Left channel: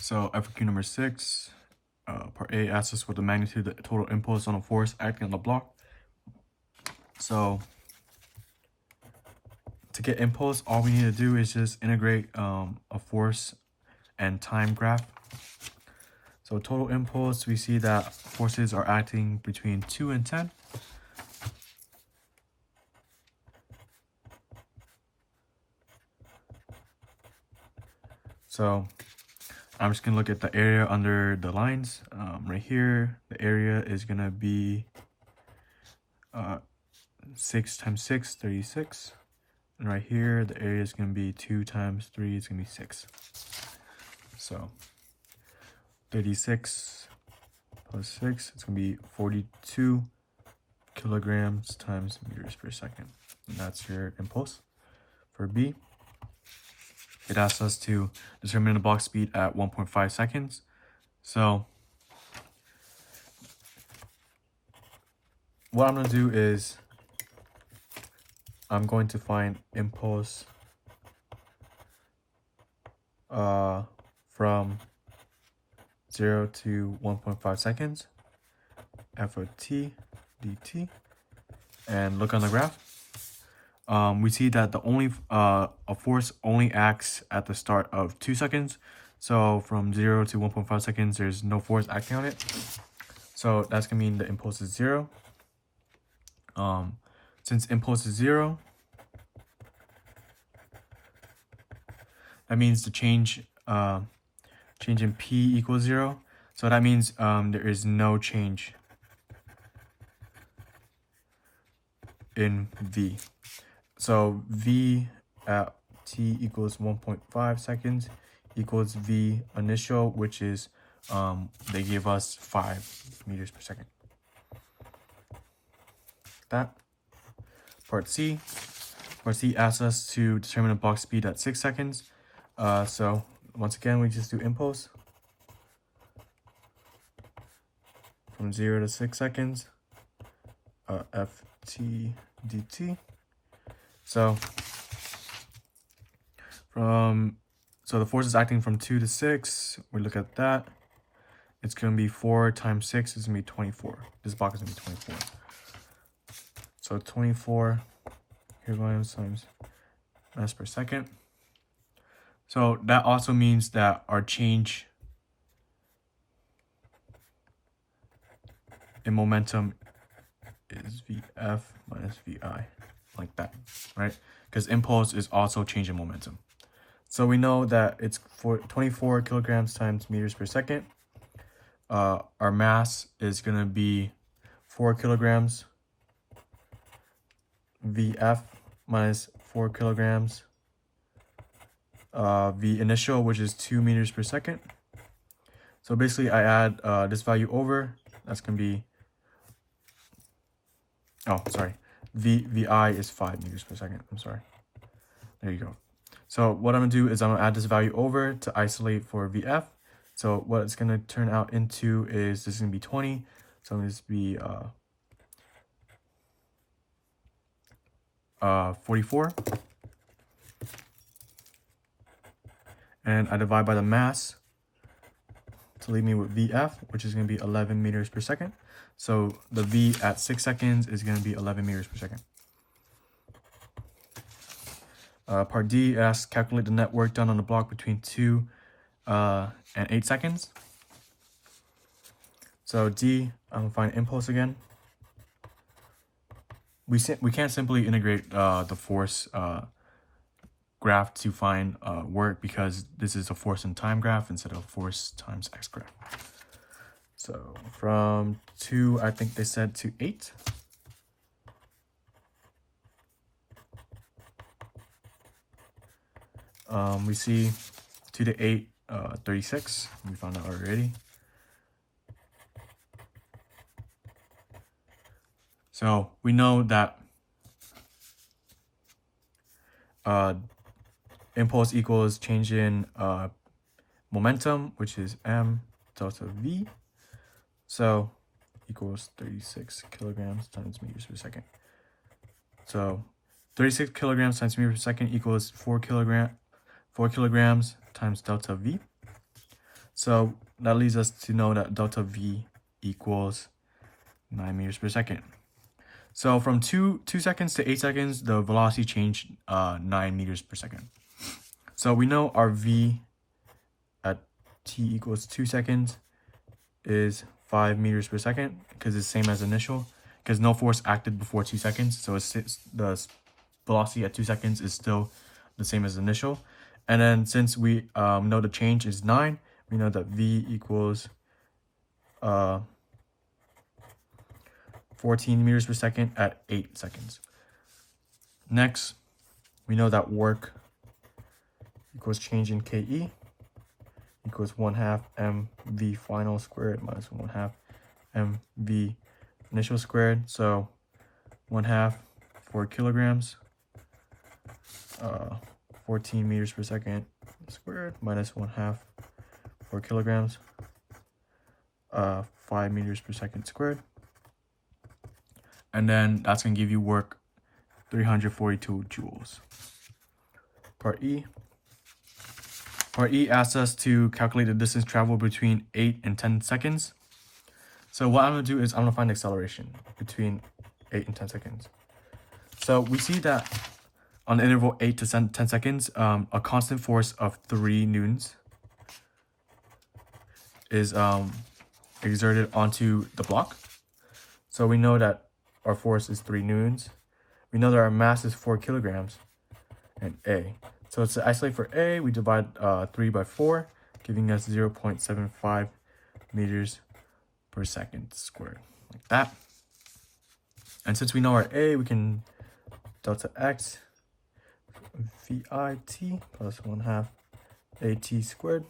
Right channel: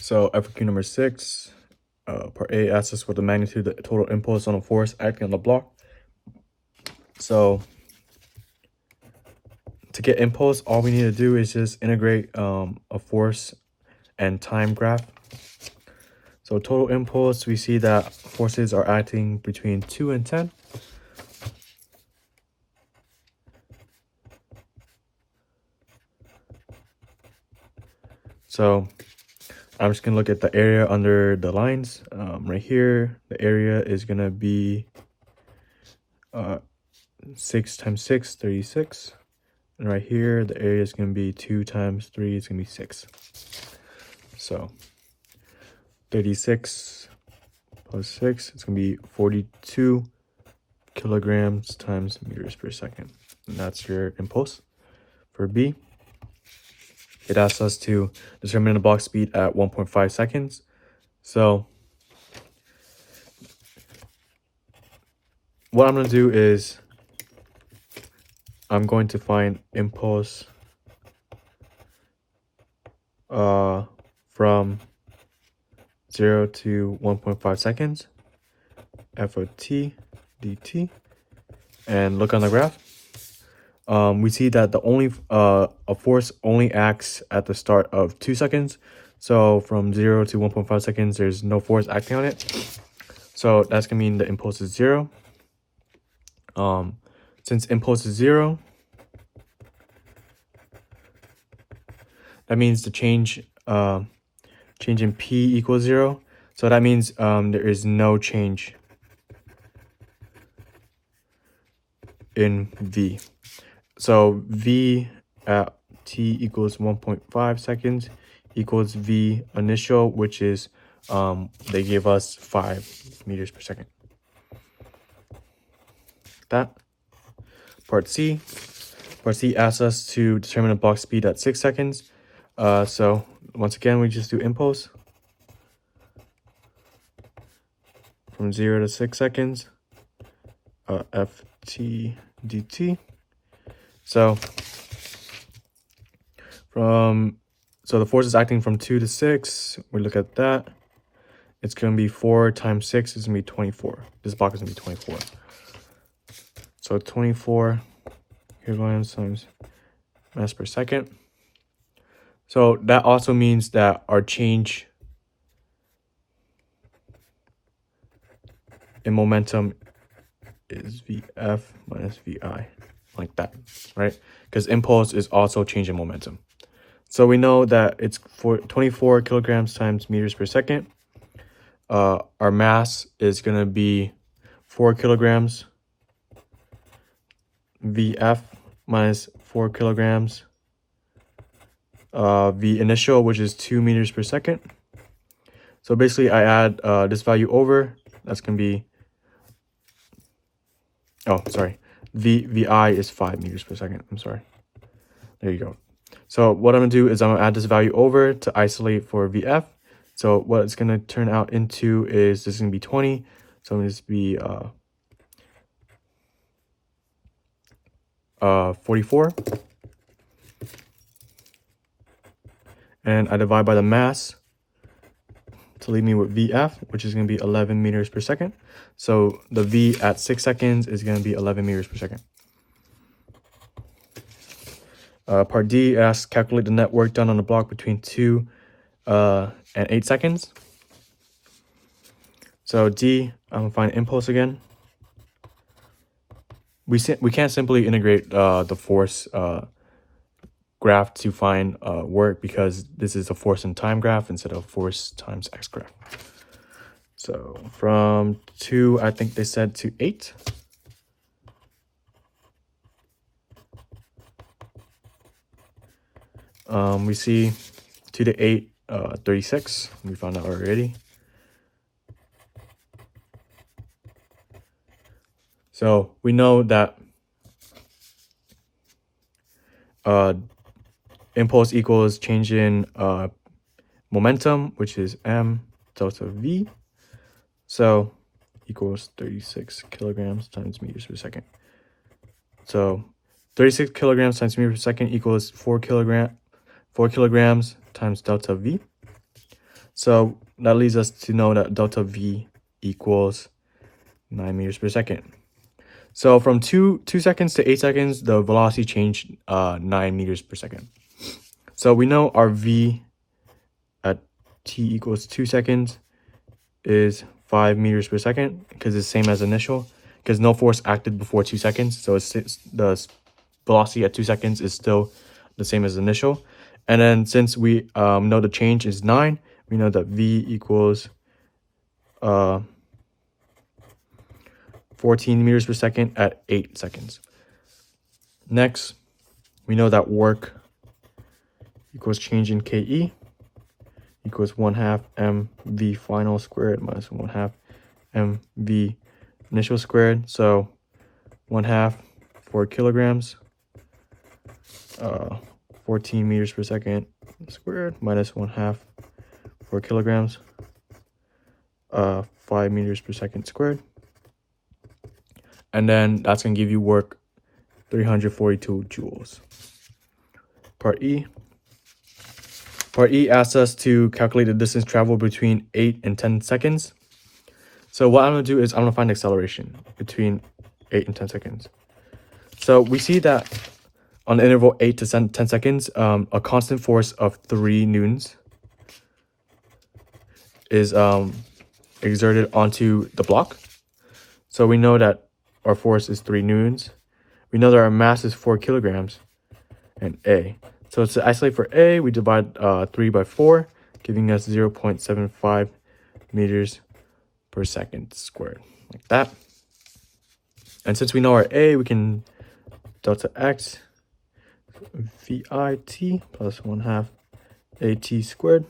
So FRQ number 6, part A asks us what the magnitude of the total impulse on a force acting on the block. So to get impulse, all we need to do is just integrate a force and time graph. So total impulse, we see that forces are acting between 2 and 10. So I'm just gonna look at the area under the lines. Right here, the area is gonna be 6 times 6, 36. And right here, the area is gonna be 2 times 3, it's gonna be 6. So 36 plus 6, it's gonna be 42 kilograms times meters per second. And that's your impulse. For B, it asks us to determine the block speed at 1.5 seconds. So what I'm going to do is I'm going to find impulse from 0 to 1.5 seconds, f of t dt, and look on the graph. We see that the only a force only acts at the start of 2 seconds. So from 0 to 1.5 seconds, there's no force acting on it. So that's gonna mean the impulse is 0. Since impulse is 0, that means the change in P equals 0. So that means there is no change in V. So V at t equals 1.5 seconds equals V initial, which is they gave us 5 meters per second. That. Part C asks us to determine a block speed at 6 seconds. So once again, we just do impulse from 0 to 6 seconds, ft dt. So the force is acting from 2 to 6. We look at that. It's going to be 4 times 6 is going to be 24. This block is going to be 24. So 24 kilograms times mass per second. So that also means that our change in momentum is Vf minus Vi, like that, right? Because impulse is also change in momentum. So we know that it's 24 kilograms times meters per second. Our mass is going to be 4 kilograms. Vf minus 4 kilograms. V initial, which is 2 meters per second. So basically, I add this value over. That's going to be, VI is 5 meters per second. I'm sorry. There you go. So what I'm going to do is I'm going to add this value over to isolate for Vf. So what it's going to turn out into is this is going to be 20. So it's going to be 44. And I divide by the mass to leave me with Vf, which is going to be 11 meters per second. So the V at 6 seconds is going to be 11 meters per second. Part D asks calculate the net work done on the block between 2 and 8 seconds. So D, I'm going to find impulse again. We can't simply integrate the force graph to find work because this is a force and time graph instead of force times x graph. So from 2, I think they said to 8. We see 2 to 8, 36. We found out already. So we know that impulse equals change in momentum, which is m delta v. So equals 36 kilograms times meters per second. So 36 kilograms times meters per second equals 4 kilograms times delta v. So that leads us to know that delta V equals 9 meters per second. So from 2 seconds to 8 seconds, the velocity changed 9 meters per second. So we know our V at t equals 2 seconds is 5 meters per second, because it's the same as initial, because no force acted before 2 seconds. So the velocity at 2 seconds is still the same as initial. And then since we know the change is 9, we know that V equals 14 meters per second at 8 seconds. Next, we know that work equals change in KE equals 1/2 mv final squared minus 1/2 mv initial squared. So 1/2 4 kilograms, 14 meters per second squared minus 1/2 4 kilograms, 5 meters per second squared. And then that's going to give you work 342 joules. Part E. Part E asks us to calculate the distance traveled between 8 and 10 seconds. So what I'm going to do is I'm going to find the acceleration between 8 and 10 seconds. So we see that on the interval 8 to 10 seconds, a constant force of 3 newtons is exerted onto the block. So we know that our force is 3 newtons. We know that our mass is 4 kilograms and A. So to isolate for A, we divide 3 by 4, giving us 0.75 meters per second squared, like that. And since we know our A, we can delta X VIT plus 1/2 AT squared.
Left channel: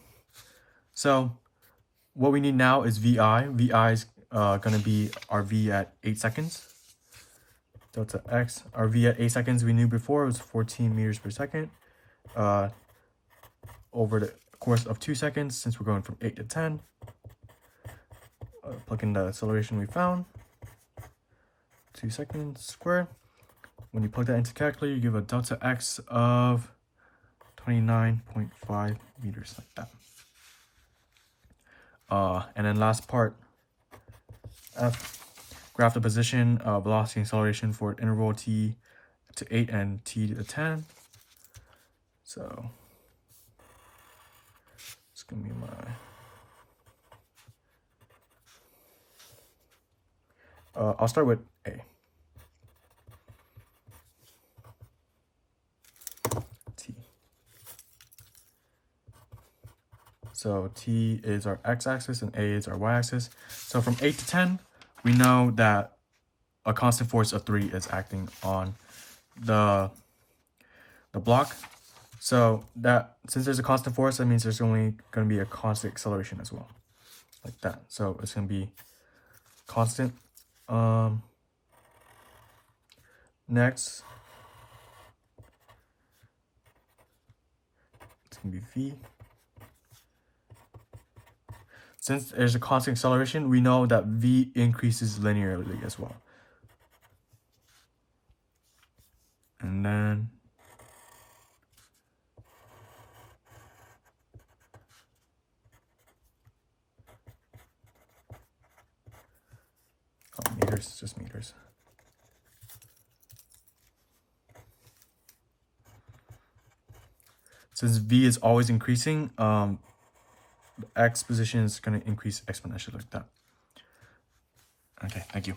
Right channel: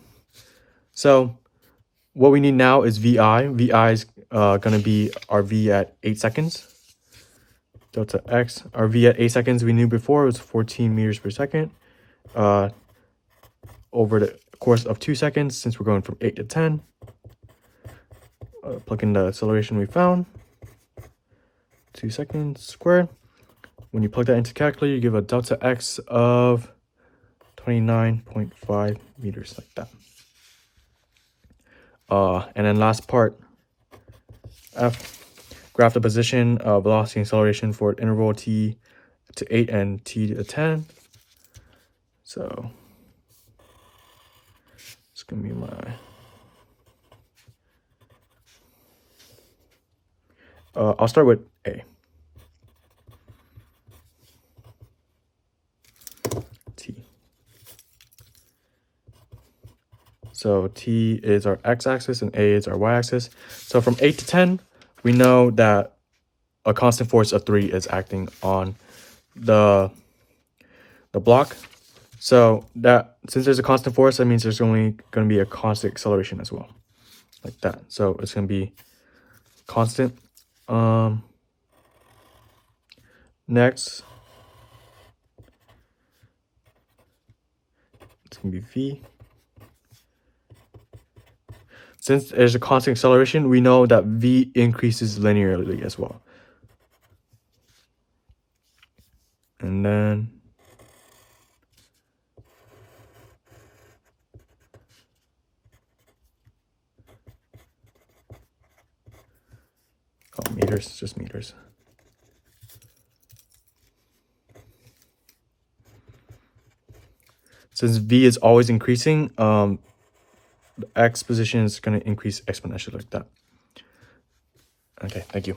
So what we need now is VI. VI is going to be our V at 8 seconds. Delta X, our V at 8 seconds we knew before was 14 meters per second. Over the course of 2 seconds, since we're going from 8 to 10, plug in the acceleration we found, 2 seconds squared. When you plug that into calculator, you give a delta X of 29.5 meters, like that. And then last part, F, graph the position, velocity and acceleration for interval t to 8 and t to 10. So it's gonna be my I'll start with A. T. So T is our x-axis and A is our y-axis. So from 8 to 10, we know that a constant force of 3 is acting on the block. So that since there's a constant force, that means there's only going to be a constant acceleration as well, like that. So it's going to be constant. Next, it's going to be V. Since there's a constant acceleration, we know that V increases linearly as well. And then meters, just meters. Since V is always increasing, the X position is going to increase exponentially, like that. Okay, thank you.